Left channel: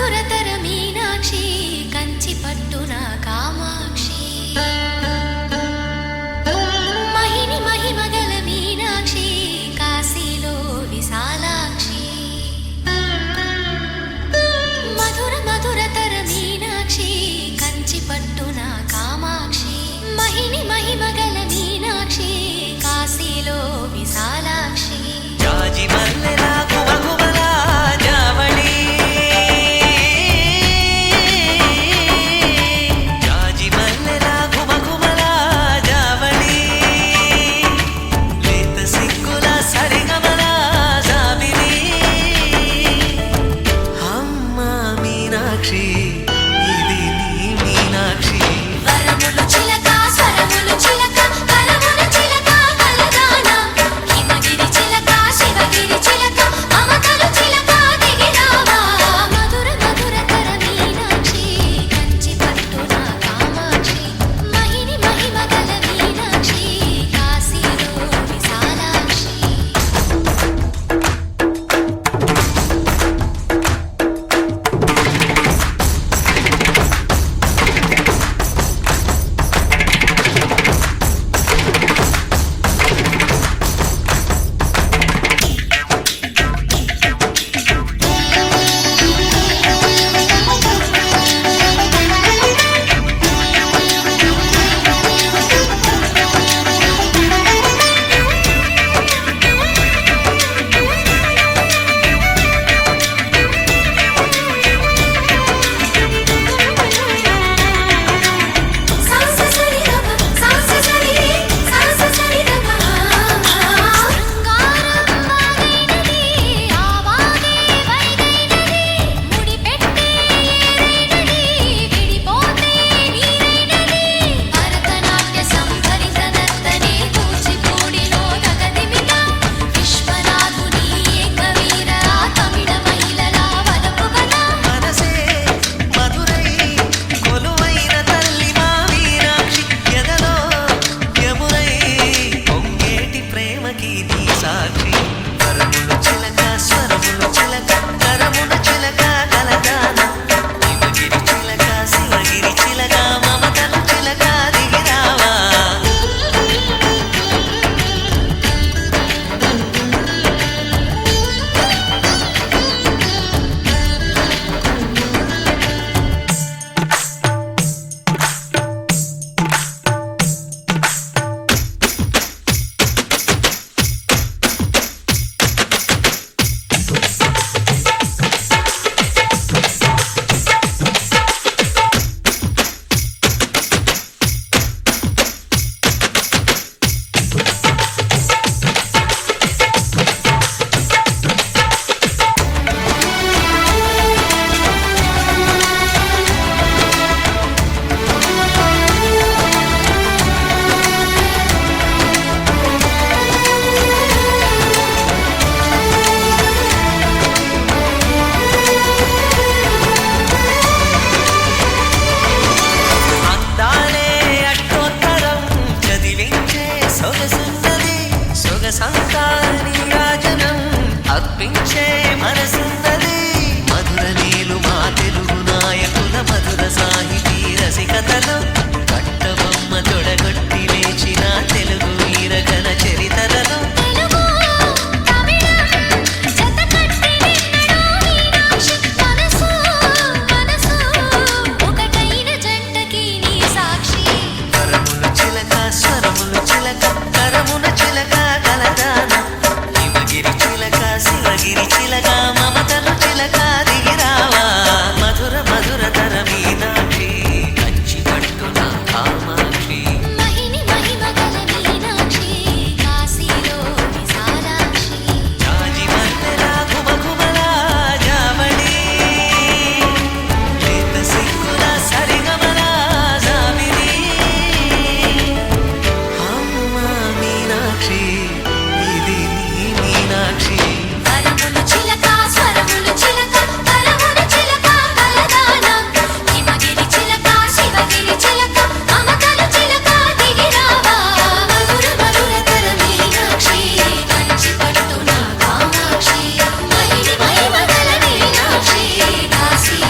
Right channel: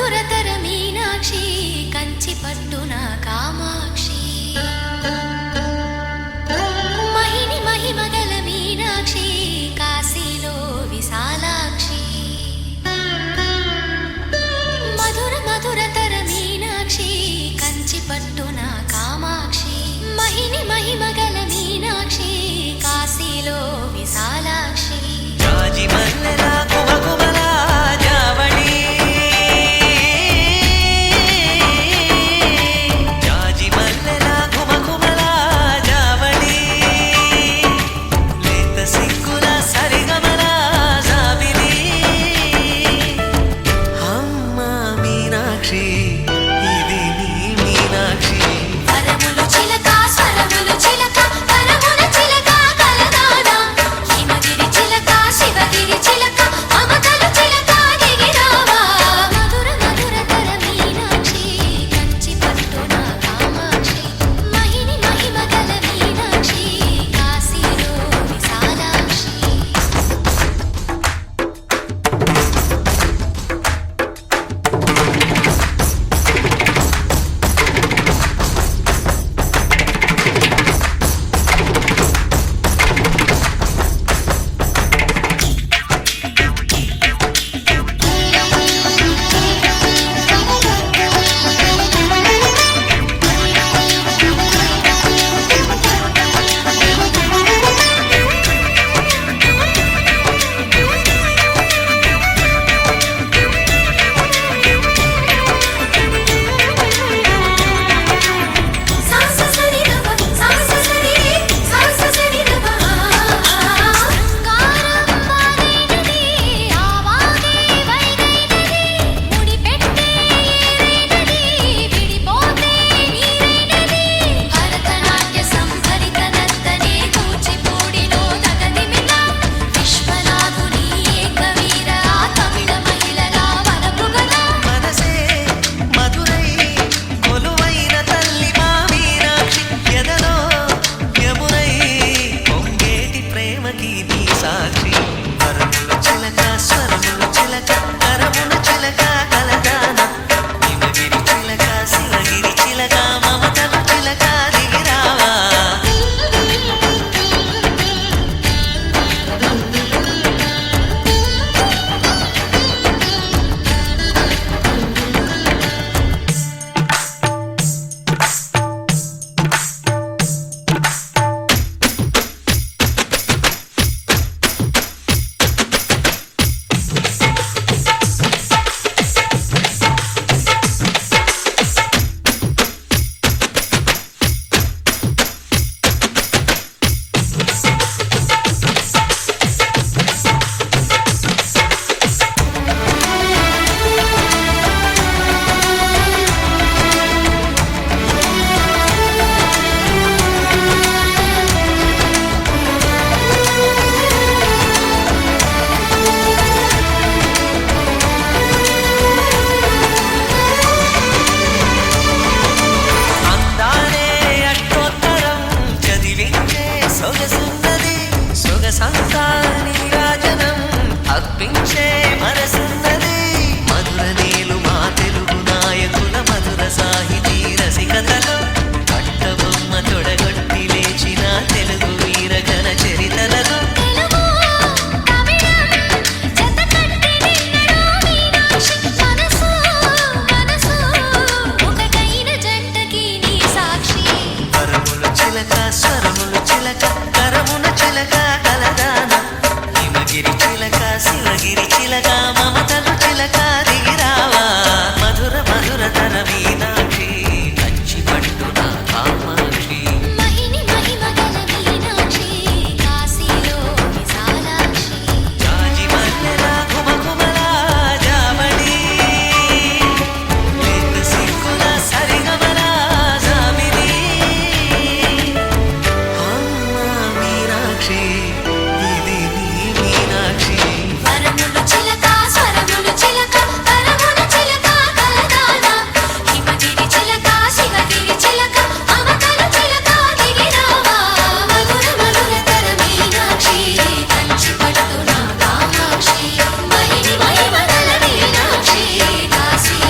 మధురతర మీనాక్షి కంచి పట్టున కామాక్షి మహిని మహిమగల మీనాక్షి కాశీలో విశాలాక్షి మధుర మధురతర మీనాక్షి కంచి పట్టున కామాక్షి మహిని మహిమగల మీనాక్షి కాశీలో విశాలాక్షి జాజి మల్లెలా గుమగుమలా జావళి జాజి మల్లెలా గుమగుమలా జావళి లేత సిగ్గుల సరిగమల జాబిలి అమ్మ మీనాక్షి ఇది నీ మీనాక్షి నీ సాక్షి వరముల చిలక స్వరముల చిలక కరమున చిలక కలదాన హిమగిరి చిలక శివగిరి చిలక మమతలు చిలక దిగిరావా సొగసున్నది సొగసంతా నీరాజనం అర్పించే మనసున్నది మధుర నీలు మా తెలుగు నాయకుల మధుర సాహితీ రసికతలో కట్టబొమ్మ తొడగొట్టి లేచిన తెలుగు వీరగణ చరితలలో చిలక స్వరములు చిలక కరమున చిలక కలదాన హిమగిరి చిలక శివగిరి చిలక మమతలు చిలక దిగిరావా మధుర మధురతర మీనాక్షి కంచి పట్టున కామాక్షి మహిని మహిమగల మీనాక్షి కాశీలో విశాలాక్షి జాజి మల్లెలా గుమగుమలా జావళి లేత సిగ్గుల సరిగమల జాబిలి మీనాక్షి ఇది నీ మీనాక్షి వరముల చిలక స్వరముల చిలక కరమున చిలక కలదాన హిమగిరి చిలక శివగిరి చిలక మమతల చిలక దిగిరావా మధుర మధురతర మీనాక్షి కంచి పట్టున కామాక్షి మహిని మహిమగల మీనాక్షి కాశీ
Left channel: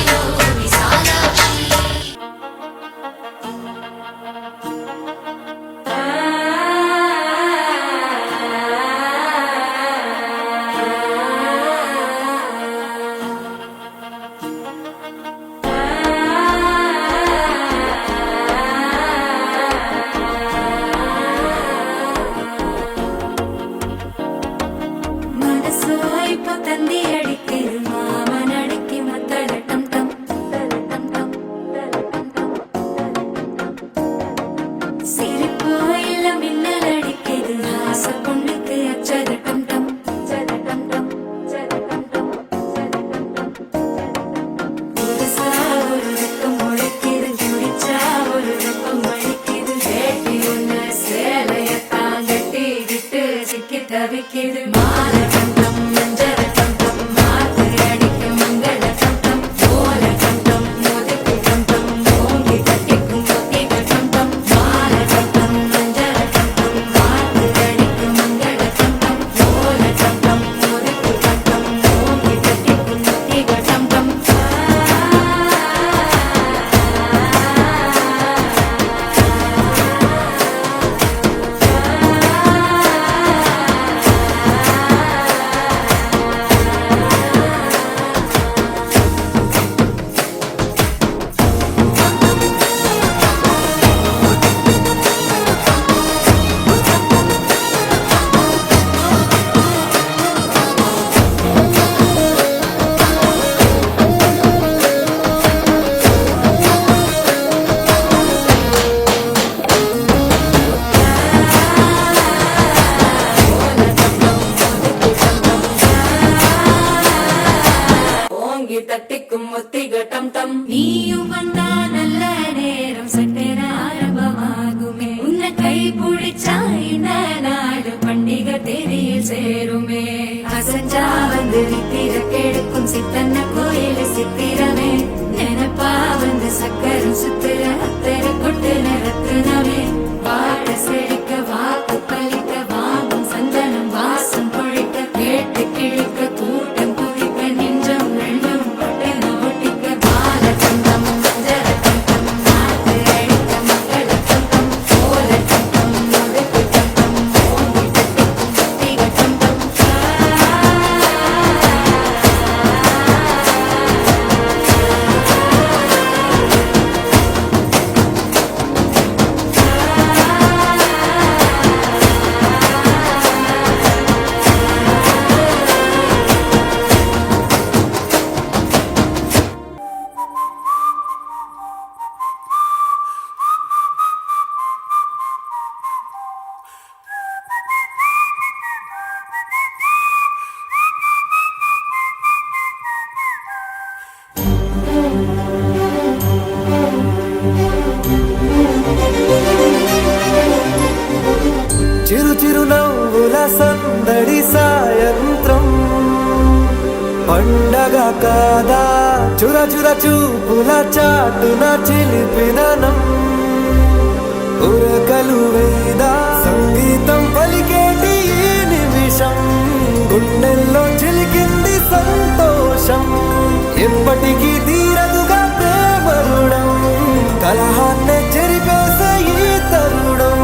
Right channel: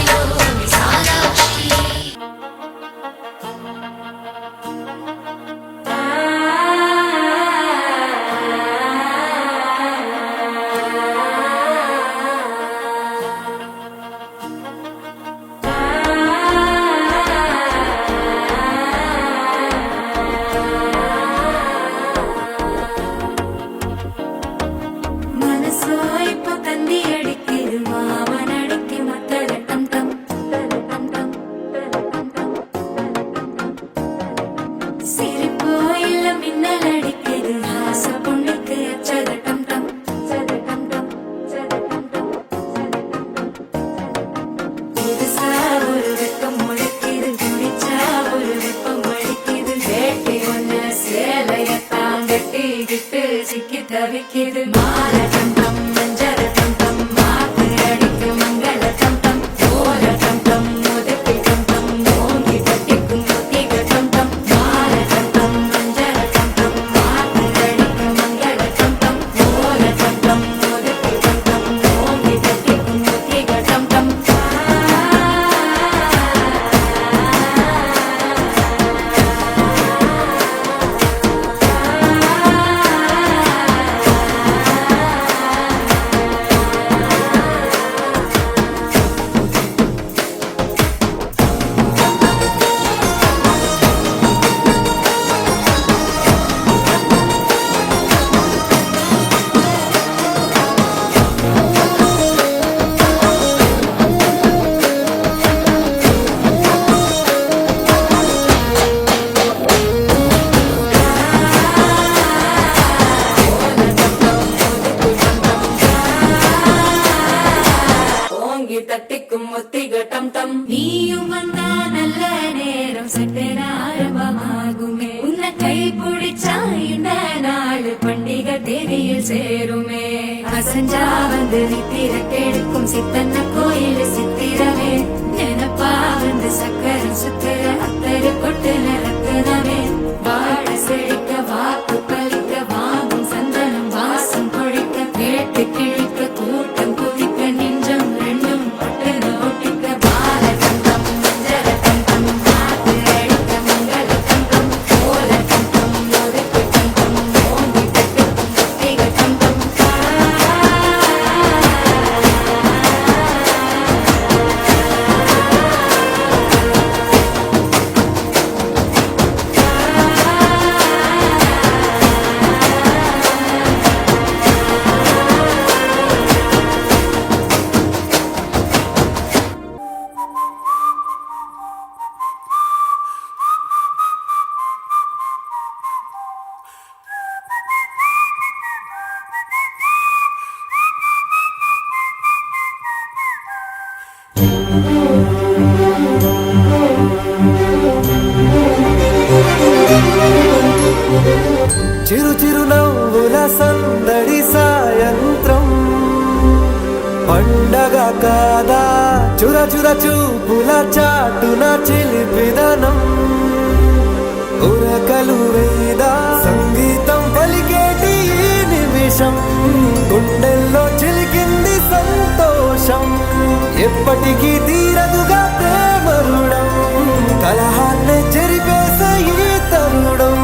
தந்தி அடிக்குது மாமன் அடிக்கு மத்தள டம் டம் டம் டம் சிரிப்போ இல்ல மின்னல் அடிக்குது ஆச பொண்ணுக்கு அச்சத டம் டம் டம் டம் புதுசா ஒரு வெக்கம் முளைக்குது குடிச்சா ஒரு வெப்பம் அடிக்குது வேட்டி ஒண்ணு சேலையத்தான் கட்டி விட்டு சிக்கி தவிக்குது மால டம் டம் மஞ்சள் டம் டம் மாத்து அடிக்கு மங்கள டம் டம் ஓல டம் டம் முதுக்கு டம் டம் ஓங்கி தட்டிக்கும் முத்திக டம் டம் மால டம் டம் மஞ்சள் டம் டம் மாத்து அடிக்கு மங்கள டம் டம் ஓல டம் டம் முதுக்கு டம் டம் ஓங்கி தட்டிக்கும் முத்திக டம் டம் ஓங்கி தட்டிக்கும் முத்திக டம் டம் நீயும் வந்தா நல்ல நேரம் சட்டென ஆரம்பமாகுமே உன்னை கை பிடிச்சா இந்த நாடு பண்டிகை தேதியில் சேருமே அசஞ்சா வந்து நித்திர கெடுக்கும் சித்தன்ன கோயில் சித்திரமே நினைப்பா வந்து சக்கரம் சுத்துற அத்தரு கொட்டு நிறத்துனவே வாழ செழிக்க வாக்கு பலிக்க வாங்கும் சந்தனம் வாசம் பொழிக்க கேட்டு கிழிக்க கூட்டம் குதிக்க நெஞ்சம் ரெண்டும் பட்டுன ஒட்டிக்க பால தந்தம் மஞ்சள தந்தம் மாத்து அழிக்க மங்கள தந்தம் கோல தந்தம் முதுக்கு தந்தம் ஓங்கி தட்டுக்கும் முத்திக தந்தம் చిరు చిరు నవ్వుల సందడి సాయంత్రం పండగ కాదా చుర చుర చూపుల చాటున చిలిపిదనం ఉరకలు వేదా సంగీతం పలికేటి ఈ నిమిషం గుండెల్లో చిలికింది సంతోషం ఎప్పటికీ తీరదుగా ప్రేమ రుణం కలహాన్నే చెరిపేసే ఈ తరుణం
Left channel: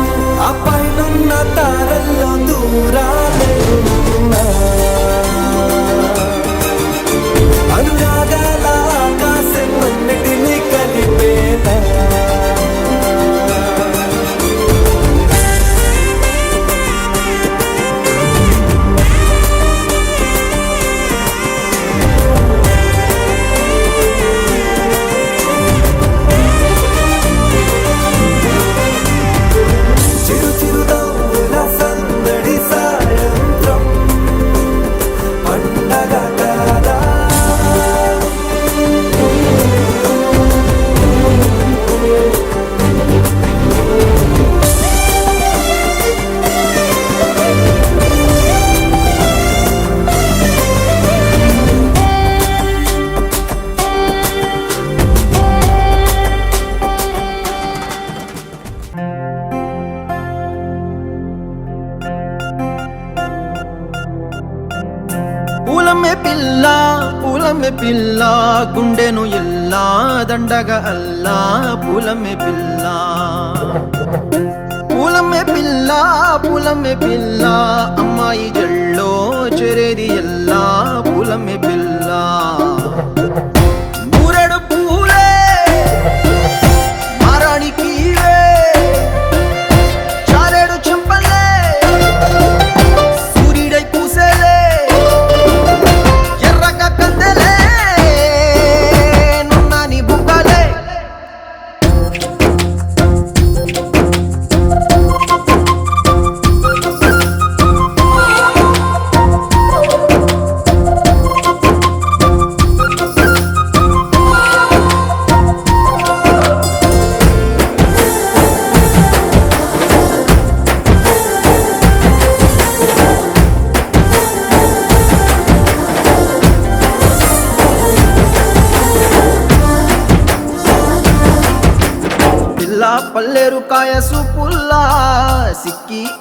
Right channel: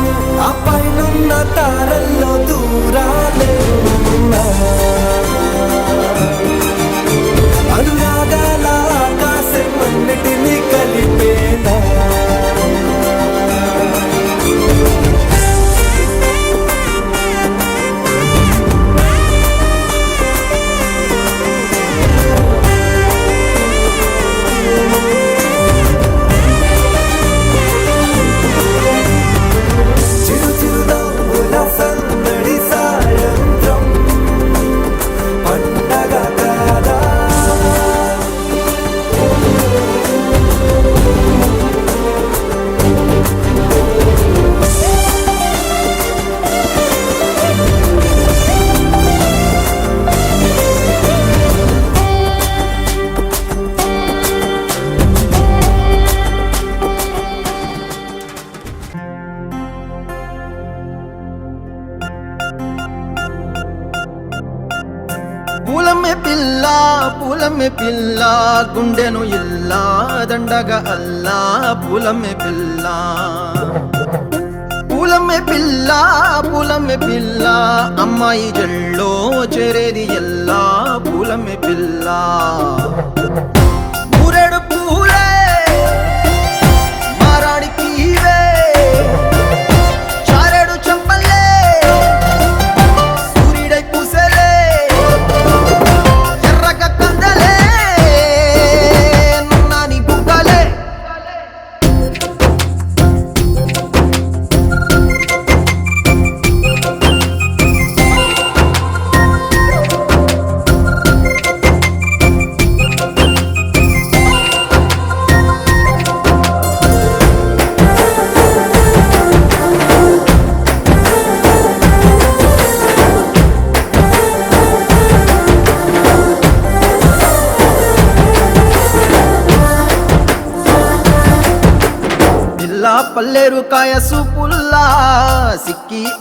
ఆ పైనున్న తారల్లో దూరాలే ఉన్నా అనురాగాల ఆకాశం అన్నిటినీ కలిపేనా చిరు చిరు నవ్వుల సందడి సాయంత్రం పండగ కాదా పూలమే పిల్ల గుండెను ఇల్లా దండగ అల్లా పూలమే పిల్ల పూలమే పిల్ల అమ్మాయి జల్లో చేరేది ఎల్లా పూలమే పిల్ల ఊరెడు పూలే మారాణికి చారెడు చెప్పలే సూర్యుడై పూసే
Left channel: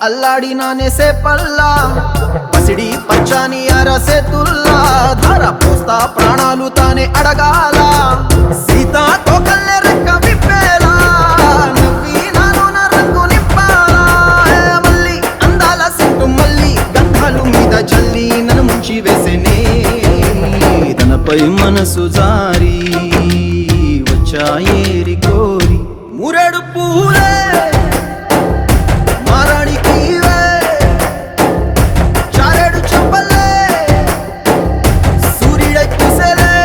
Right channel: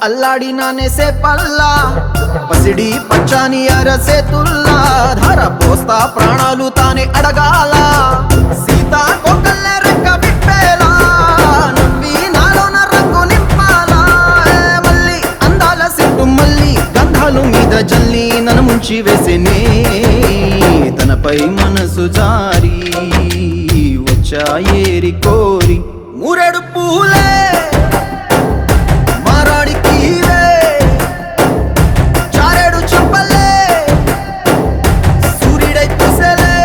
అల్లాడినానే సేపల్లా పసిడి పచ్చాని అరసేతుల్లా ధార పోస్తా ప్రాణాలు తానే అడగాల సీతా కోకల్లే రెక్క విప్పేలా నవ్వి నాలోన రంగు నింపాలా మళ్ళీ అందాల సెట్టు మళ్ళీ గంధాలు మీద జల్లి నన్ను ముంచి వేసేనే తనపై మనసు జారి వచ్చా ఏరి కోరి మురెడు పూలే మారాడికి చారెడు చెప్పలే సూర్యుడే కుసలే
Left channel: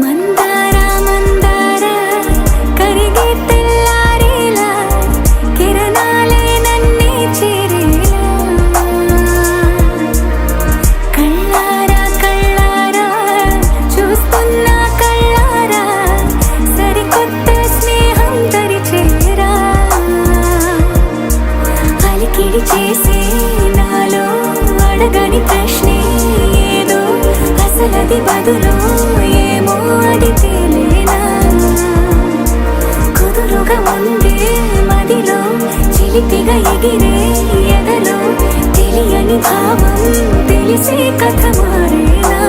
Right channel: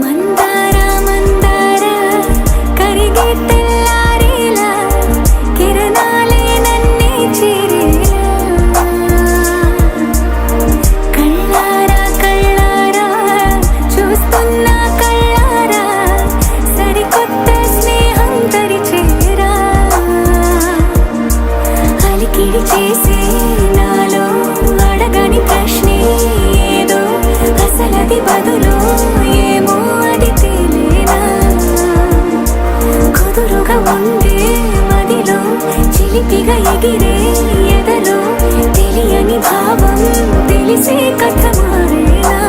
మందార మందార కరిగే తెల్లారేలా కిరణాలే నన్నే చేరేలా కళ్ళారా కళ్ళారా చూస్తున్నా కళ్ళారా సరికొత్త స్నేహం తరిచేరా అలికిడి చేసే నాలో అడగని ప్రశ్నే ఏదో అసలది బదులు ఏమో అది తేలేనా కుదురుగా ఉండే మదిలో చిలిపిగా ఎగిరే ఎదలో తెలియని భావం తెలిసే కథ మారేనా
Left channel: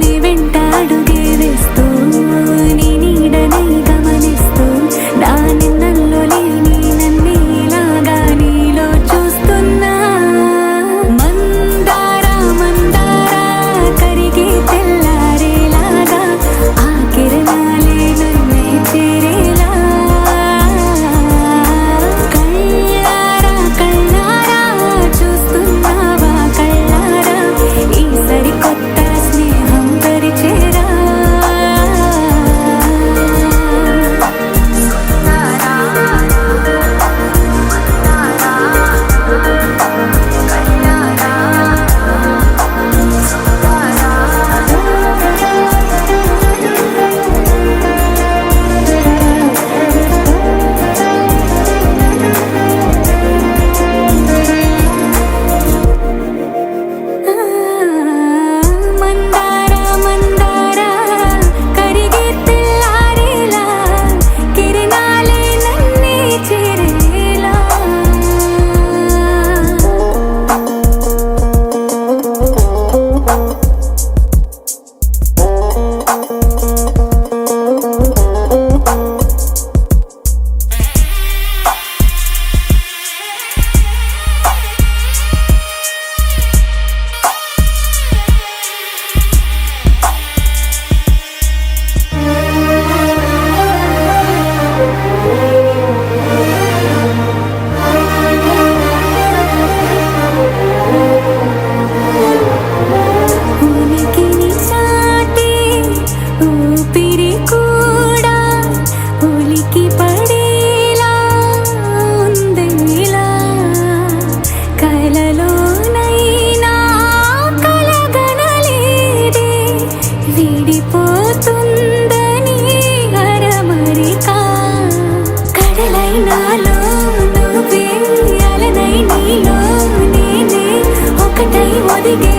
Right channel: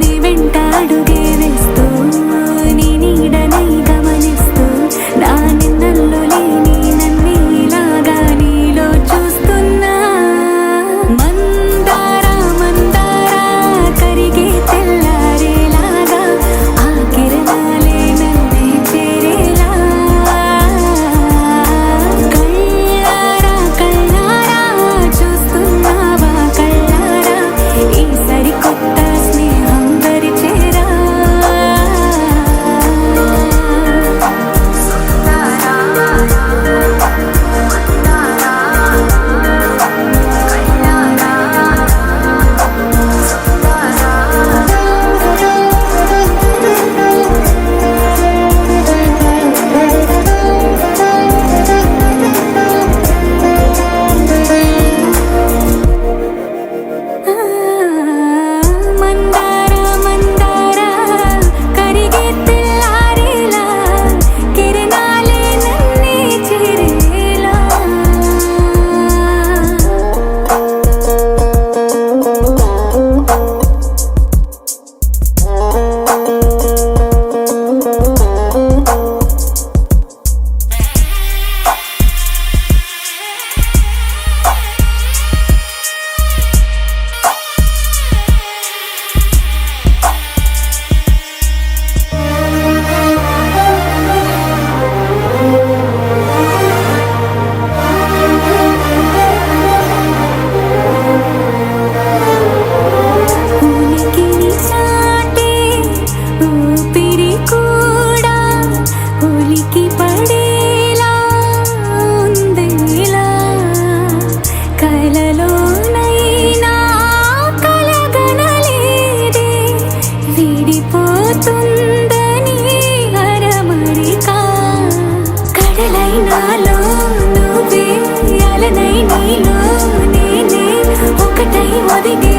నీ వెంట అడుగే వేస్తూ నీ నీడనై గమనిస్తూ నా నిన్నల్లో లేని నన్నే ఇలాగా నీలో చూస్తున్నా మందార మందార కరిగే తెల్లారేలాగా ఆ కిరణాలే నన్నే చేరేలా కళ్ళారా కళ్ళారా చూస్తున్నావా కళ్ళారా ఈ సరికొత్త స్నేహం పరిచేరా మందార మందార కరిగే తెల్లారేలా కిరణాలే నన్నే చేరేలా ఉనికిని చాటే ఊపిరి కూడా ఉలికి పడేలా ఉందేలా కలలోనైనా కలగనలేదే విడిపోతుందని అరమరికా కడలై నాలో నువ్వే అలనై నీలో నేనే ఒకటై ఒదిగే